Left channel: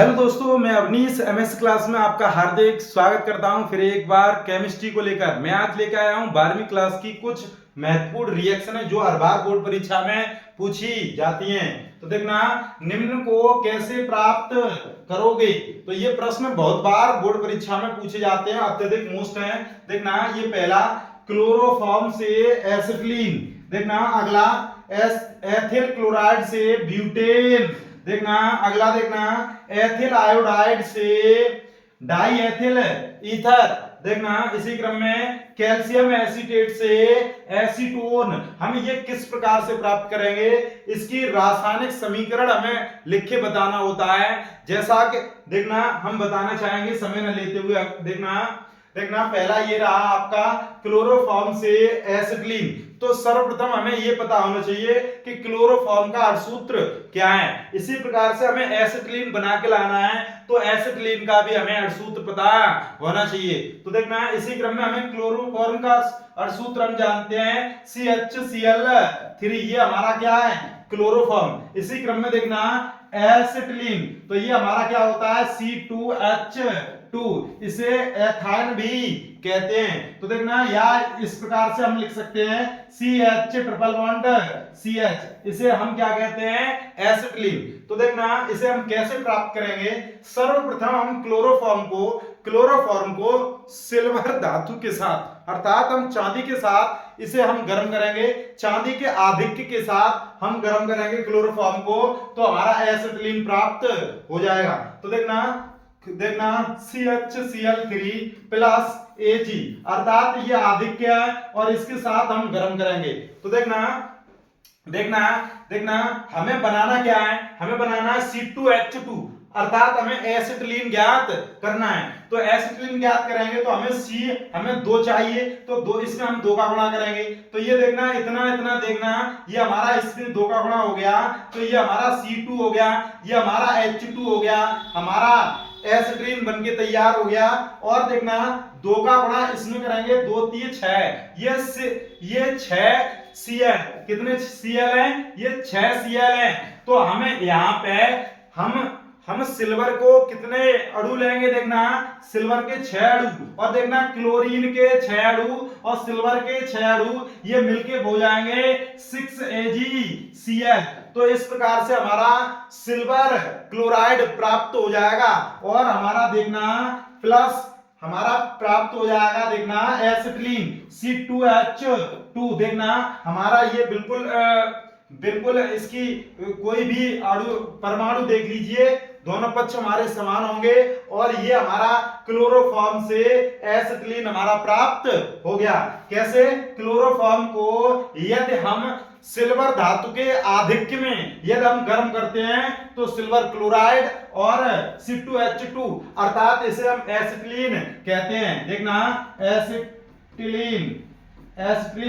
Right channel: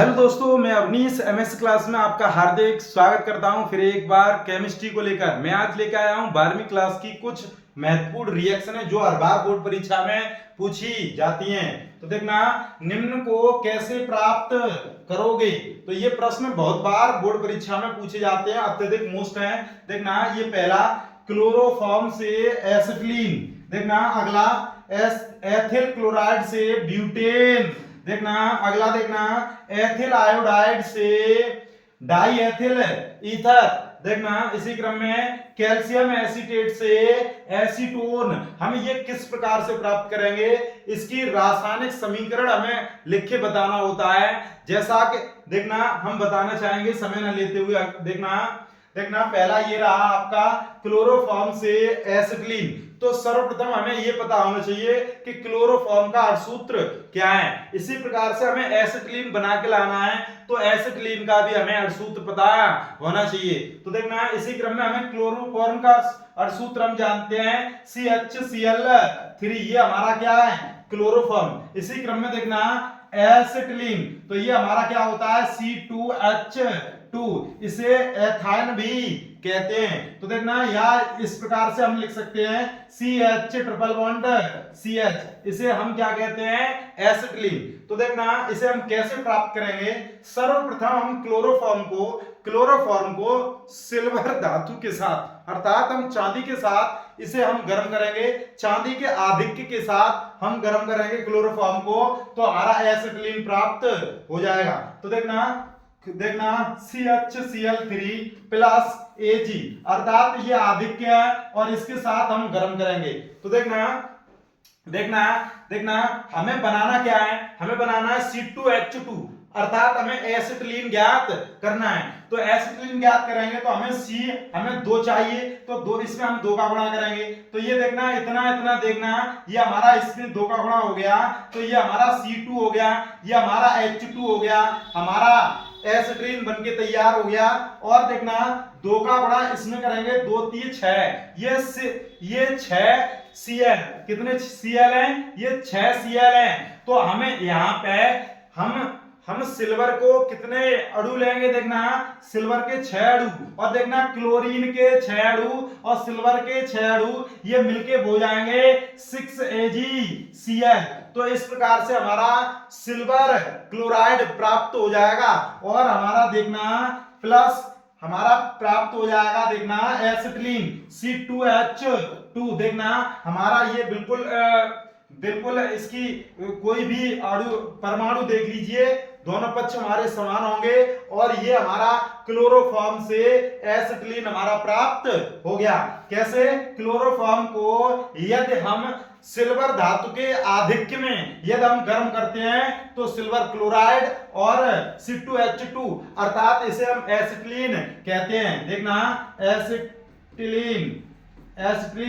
Hello दोस्तों, मैं Awanish MS class में आपका हार्दिक स्वागत करता हूं फिर एक बार केमिस्ट्री को लेकर। मैं आज लेकर आया हूं 12वीं क्लास की कुछ महत्वपूर्ण रिएक्शन है जो हर बार बोर्ड परीक्षा में पूछी जाती हैं। तो देखना, निम्न को कैसे प्राप्त करोगे। तो ये प्रश्न बहुत बार बोर्ड परीक्षा में पूछे जाते हैं, अत्यधिक मोस्ट हैं। देखना, ये पहला क्लोरोफॉर्म से एसिटिलीन, देखना अगला एथिल क्लोराइड से ब्यूटेन, देखना अगला, देखना एथिल आयोडाइड से डाई एथिल ईथर, देखना इसी क्रम में कैल्शियम एसीटेट से एसीटोन। हम ये किस प्रकार से प्राप्त करेंगे, इसकी रासायनिक समीकरण हमें लिख के बताना होता है। जैसा कि देखना हम बताना चाहेंगे समय न लेते हुए। देखना पहला ये रहा आपका क्लोरोफॉर्म से एसिटिलीन। तो सर्वप्रथम हमें ये पता होना चाहिए कि क्लोरोफॉर्म का अर्धसूत्र क्या है। इसी प्रकार से हमें एसिटिलीन बना के लाना है, तो एसिटिलीन का भी हमें अर्धसूत्र पता होना चाहिए। तो देखना इसी क्रम में हमें क्लोरोफॉर्म का अर्धसूत्र हम जानते हैं CHCl3। ये हमारा क्या है, क्लोरोफॉर्म। इसी क्रम में देखना एसिटिलीन, तो ये हमारा क्या होता है C2H2, इसे एथाइन भी कहते हैं। तो देखना या इस प्रकार से हम लिख सकते हैं CH ट्रिपल बॉन्ड CH, इसे हम क्या कहते हैं, एसिटिलीन। तो देखना इसे हम कैसे प्राप्त करेंगे। सर्वप्रथम हम क्लोरोफॉर्म को सिल्वर धातु के साथ, अर्थात हम चांदी के साथ इसे हम गर्म करेंगे। चांदी के आधिक्य के साथ हम गर्म करेंगे क्लोरोफॉर्म को, तो हमारा एसिटिलीन प्राप्त हो जाएगा। तो देखना CHCl3 प्लस Ag, अर्थात ये आधिक्य है और इसके साथ हम गर्म करेंगे। तो देखना हमें बनाना क्या है, हमें बनाना है C2H2, अर्थात हमें एसिटिलीन ज्ञात करना है। तो एसिटिलीन ज्ञात करेंगे तो हमें 2 चाहिए, तो 2 इसमें हम 2 का गुणा करेंगे। तो ये देखना इतना देखना, ये हमारा इसमें 2 का गुणा हो गया, तो ये हमारा C2 हो गया, ये हमारा H2 हो गया, हमारा एसिटिलीन बनके तैयार हो गया। और देखना 2 का गुणा इसमें करेंगे, 2 3 6, ये 6 Cl, कितने Cl हैं, ये 6 Cl हैं। तो हमें यहाँ पे हम सिल्वर को कितने अणु लेंगे, देखना सिल्वर के 6 अणु, और देखना क्लोरीन के 6 अणु और सिल्वर के 6 अणु, ये मिलके हो जाएंगे 6AgCl। तो इस प्रकार से हमारा सिल्वर क्लोराइड प्राप्त हो जाएगा और हमारा देखना प्लस हमारा प्राप्त हो जाएगा, देखना एसिटिलीन C2H2। देखना हमारा ये बिल्कुल इसकी कोई भी परमाणु देख लीजिए, दोनों पक्ष हमारे समान होंगे और ये हमारा क्लोरोफॉर्म से एसिटिलीन हमारा प्राप्त हो गया। कैसे, क्लोरोफॉर्म को यदि हम सिल्वर धातु के आधिक्य में यदि हम गर्म करते हैं तो सिल्वर क्लोराइड और C2H2, अर्थात इसे हम एसिटिलीन कहते हैं। देखना एसिटिलीन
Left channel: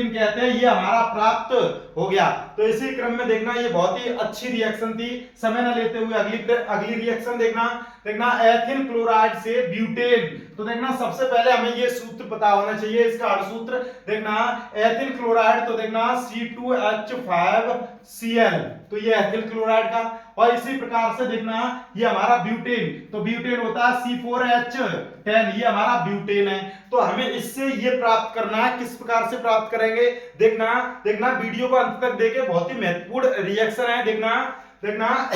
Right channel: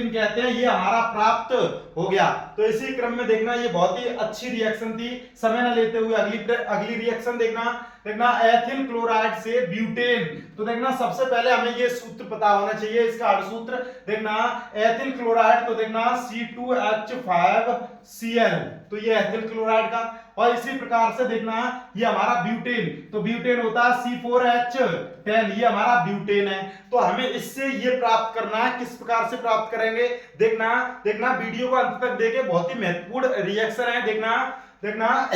कहते हैं, ये हमारा प्राप्त हो गया। तो इसी क्रम में देखना ये बहुत ही अच्छी रिएक्शन थी। समय न लेते हुए अगली रिएक्शन देखना एथिल क्लोराइड से ब्यूटेन। तो देखना सबसे पहले हमें ये सूत्र पता होना चाहिए, इसका अर्धसूत्र। देखना एथिल क्लोराइड, तो देखना C2H5Cl, तो ये एथिल क्लोराइड का। और इसी प्रकार से देखना ये हमारा ब्यूटेन, तो ब्यूटेन होता है C4H10, ये हमारा ब्यूटेन है। तो हमें इससे ये प्राप्त करना है, किस प्रकार से प्राप्त करेंगे। देखना वीडियो को अंत तक देखें, बहुत ही महत्वपूर्ण रिएक्शन है। देखना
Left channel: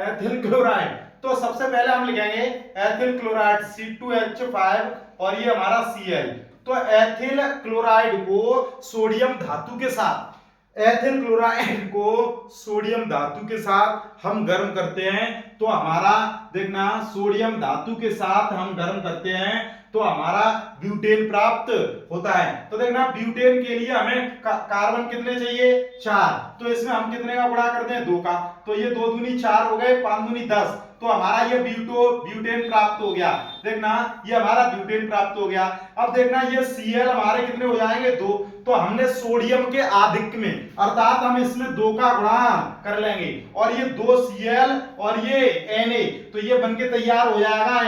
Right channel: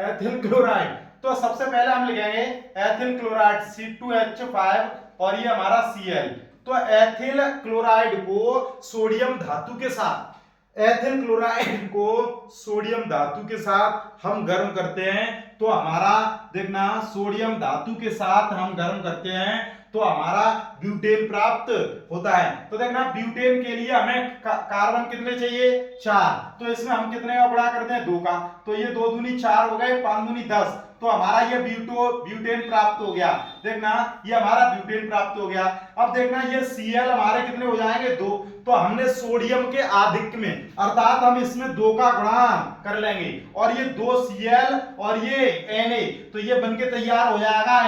एथिल क्लोराइड, तो सबसे पहले हम लिखेंगे एथिल क्लोराइड C2H5 और ये हमारा Cl। तो एथिल क्लोराइड को सोडियम धातु के साथ, एथिल क्लोराइड को सोडियम धातु के साथ हम गर्म करते हैं, तो हमारा देखना सोडियम धातु के साथ हम गर्म करते हैं तो हमारा ब्यूटेन प्राप्त होता है। तो देखना ब्यूटेन के लिए हमें कार्बन कितने चाहिए, 4, तो इसमें हम कितने का गुणा करते हैं, 2 का, तो ये 2 दूनी 4 हो गए, 5 दूनी 10, तो हमारा ये ब्यूटेन प्राप्त हो गया। देखना ये हमारा ब्यूटेन प्राप्त हो गया। अब देखना ये Cl हमारे कितने हो जाएंगे, 2, तो हमने सोडियम के आधिक्य में, अर्थात हम इसमें 2 का गुणा कर लेंगे और ये 2 Cl और ये Na, तो ये बनके तैयार हो जाएगा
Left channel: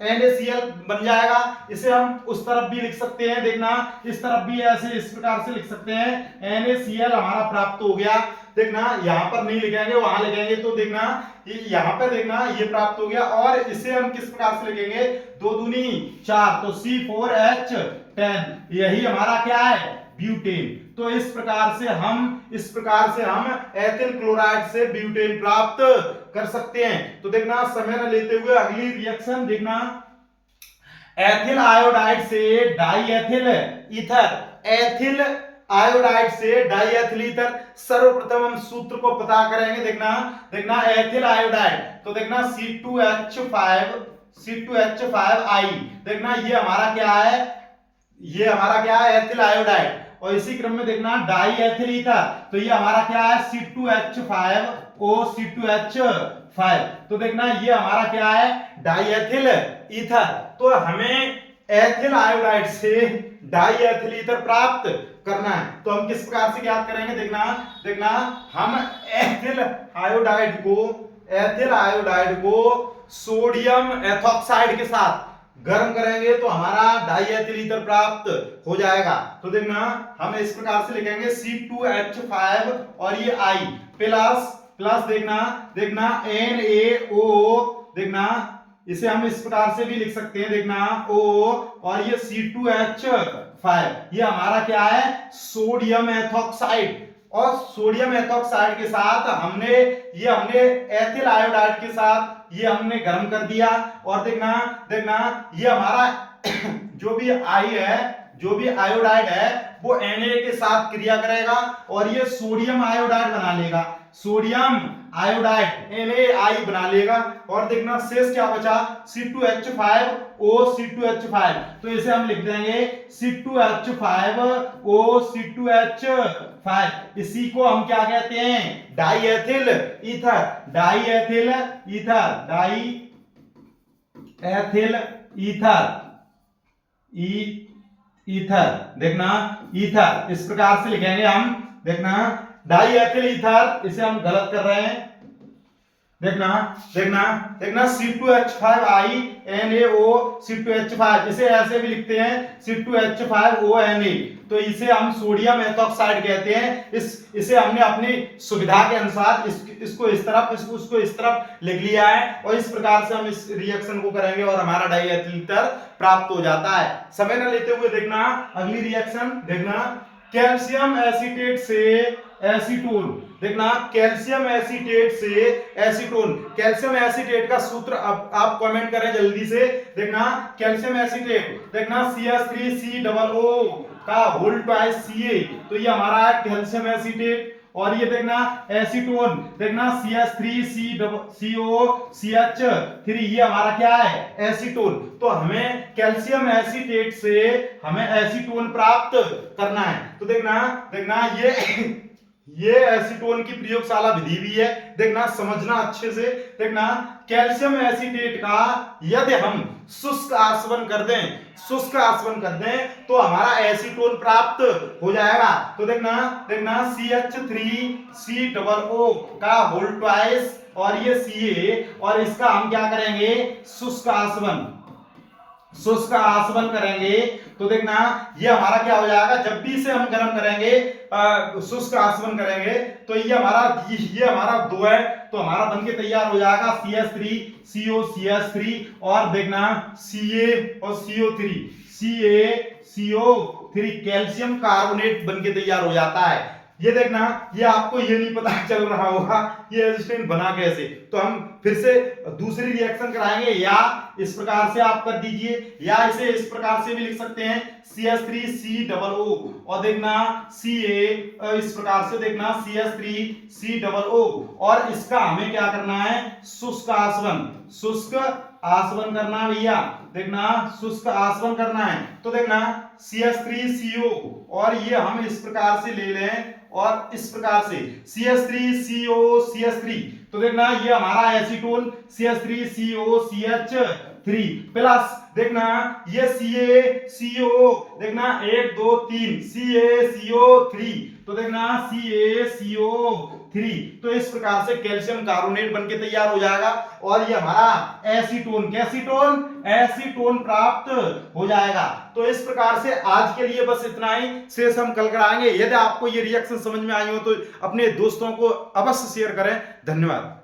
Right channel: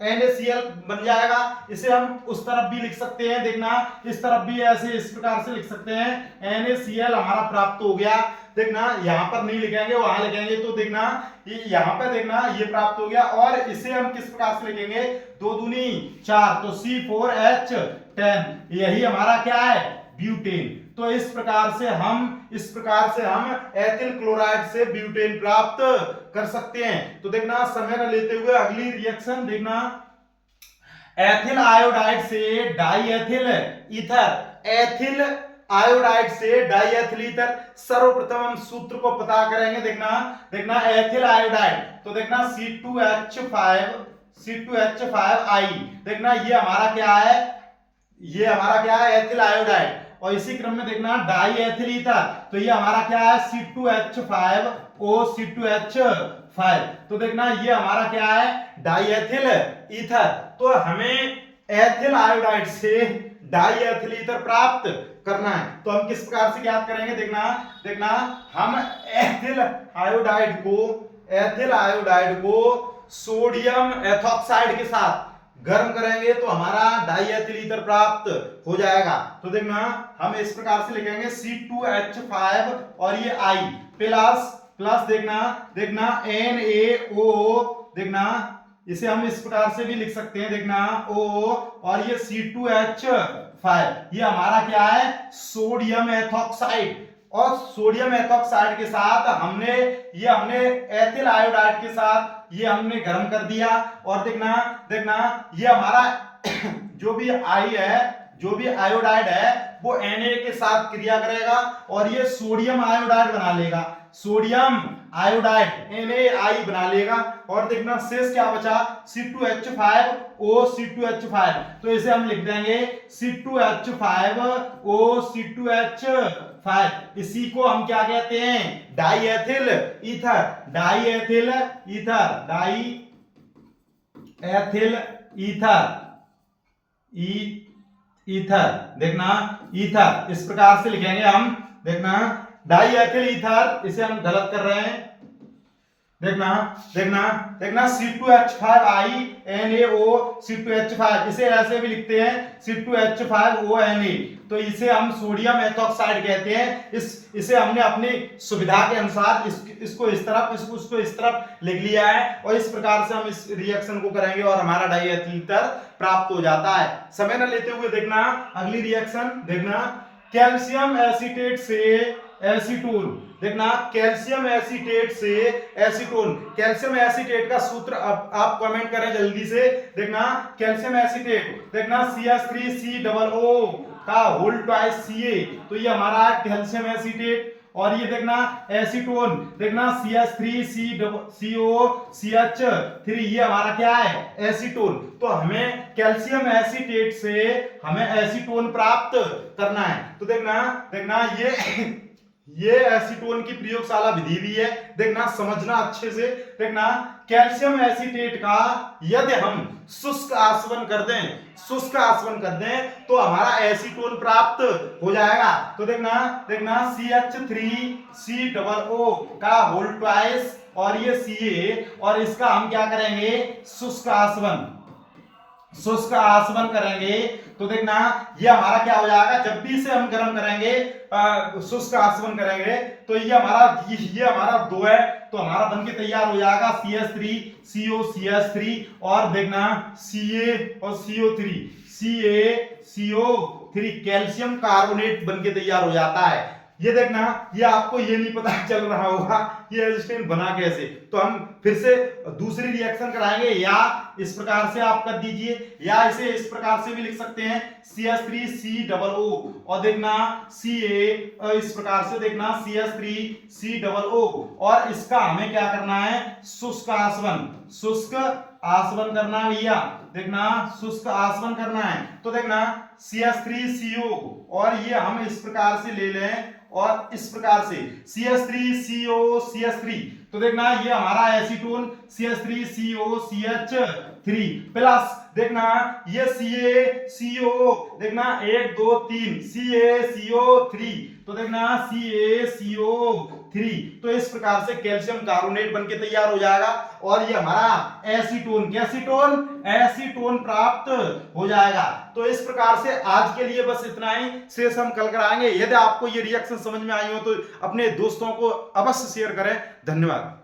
NaCl बन जाएगा। इसे हम उस तरफ भी लिख सकते हैं, देखना इस तरफ भी ऐसे इस प्रकार से लिख सकते हैं, NaCl हमारा प्राप्त हो गया। देखना यहाँ पर नहीं लिखेंगे, वहां लिखेंगे, तो देखना यहाँ पे देखना ये प्राप्त हो गया। और इसे हम किस प्रकार से लिखेंगे, 2 दूनी 4, तो C4H10, यही हमारा क्या है, ब्यूटेन। तो इस प्रकार से हम एथिल क्लोराइड से ब्यूटेन प्राप्त कर सकते हैं। तो देखना समय न लेते हुए अगली रिएक्शन देखना, एथिल आयोडाइड से डाईएथिल ईथर, एथिल आयोडाइड से डाईएथिल ईथर। सर्वप्रथम हम सूत्र को पता करेंगे, देखना एथिल आयोडाइड, तो देखना C2H5I, देखना ये हमारा क्या है, एथिल आयोडाइड। और इसी क्रम में देखना डाई एथिल ईथर, तो ये हमारा क्या है, C2H5O, तो देखना ये हमारा क्या है, डाई एथिल ईथर। तो हमें एथिल आयोडाइड से डाई एथिल ईथर प्राप्त करना है। तो हम किस प्रकार से ज्ञात करेंगे, देखना हम एथिल आयोडाइड को सोडियम एथॉक्साइड के साथ गर्म करेंगे तो हमारा डाई एथिल ईथर प्राप्त हो जाएगा। तो देखना हम इस प्रकार से लिखेंगे C2H5 और ये I प्लस देखना NaO, देखना इसे हम इस प्रकार से भी लिख सकते हैं, देखना O और ये C2H5, ये हमारा क्या है, सोडियम एथॉक्साइड। और सोडियम एथॉक्साइड के साथ हमने एथिल आयोडाइड के साथ ये हमने गर्म कर दिया। और देखना ये हमारा जो भी आयोडाइड है वो Na के साथ क्रिया करेगा और ये सोडियम आयोडाइड बना लेगा, सोडियम आयोडाइड NaI बना लेगा। और देखना शेष क्या बचा, C2H5O, तो इसे हम लिख देंगे C2H5O, इसी को हम क्या कहते हैं, डाई एथिल ईथर, देखना ईथर इस प्रकार से लिखेंगे हम, देखना डाई एथिल ईथर, इसे हम गलत कर रहे हैं। देखना C2H5I NaO C2H5, इसे ऐसे भी लिखते हैं C2H5ONa, तो इसे हम सोडियम एथॉक्साइड कहते हैं। इसे हमने अपनी सुविधा के अनुसार इसको इस तरफ उसको इस तरफ लिख लिया है और इस प्रकार से हम इस रिएक्शन को करेंगे और हमारा डाई एथिल ईथर प्राप्त हो जाता है। समय न लेते हुए देखना अगली रिएक्शन, देखना कैल्शियम एसीटेट से एसीटोन, देखना कैल्शियम एसीटेट से एसीटोन। कैल्शियम एसीटेट का सूत्र अब आप कमेंट करें जल्दी से, देखना कैल्शियम एसीटेट, देखना CH3COO का होल ट्वाइस Ca, तो ये हमारा है कैल्शियम एसीटेट। और ये देखना एसीटोन, देखना CH3COCH3, ये हमारा क्या है, एसीटोन। तो हमें कैल्शियम एसीटेट से हमें एसीटोन प्राप्त करना है। तो देखना ये एसीटोन की प्रयोगशाला विधि भी है, देखना समझना अच्छे से। देखना कैल्शियम एसीटेट का यदि हम शुष्क आसवन कर दें तो हमारा एसीटोन प्राप्त हो जाएगा। तो देखना CH3COO का होल ट्वाइस और ये Ca, और इसका हम क्या करेंगे, शुष्क आसवन करेंगे। तो देखना ये हमारा क्या हो जाएगा, जब भी इसे हम गर्म करेंगे, शुष्क आसवन करेंगे, तो ये हमारा 2 है, तो हमारा बनके तैयार हो जाएगा CH3COCH3 और देखना Ca और CaCO3 कैल्शियम कार्बोनेट बनके तैयार हो जाता है। ये देखना, ये आपको ये नहीं पता चल रहा होगा ये एसिटेन बना कैसे, तो हम फिर से दूसरी रिएक्शन कराएंगे, या इस प्रकार से आप कर दीजिए, या इसे इस प्रकार से भी लिख सकते हैं CH3COO और देखना Ca, इस प्रकार से देखना CH3COO। और इसका हमें क्या करना है, शुष्क आसवन करना है भैया, देखना शुष्क आसवन करना है। तो देखना CH3CO और ये हम इस प्रकार से ले लें और इस प्रकार से CH3COCH3, तो देखना ये हमारा एसीटोन CH3COCH3 प्लस देखना ये CaCO, देखना 1 2 3 CaCO3, तो देखना CaCO 3। तो इस प्रकार से कैल्शियम कार्बोनेट बनके तैयार हो जाएगा और ये हमारा एसीटोन, कैसीटोन, एसीटोन प्राप्त हो जाएगा। तो इस प्रकार से आज के लिए बस इतना ही, शेष हम कल कराएंगे। यदि आपको ये रिएक्शन समझ में आई हो तो अपने दोस्तों को अवश्य शेयर करें। धन्यवाद।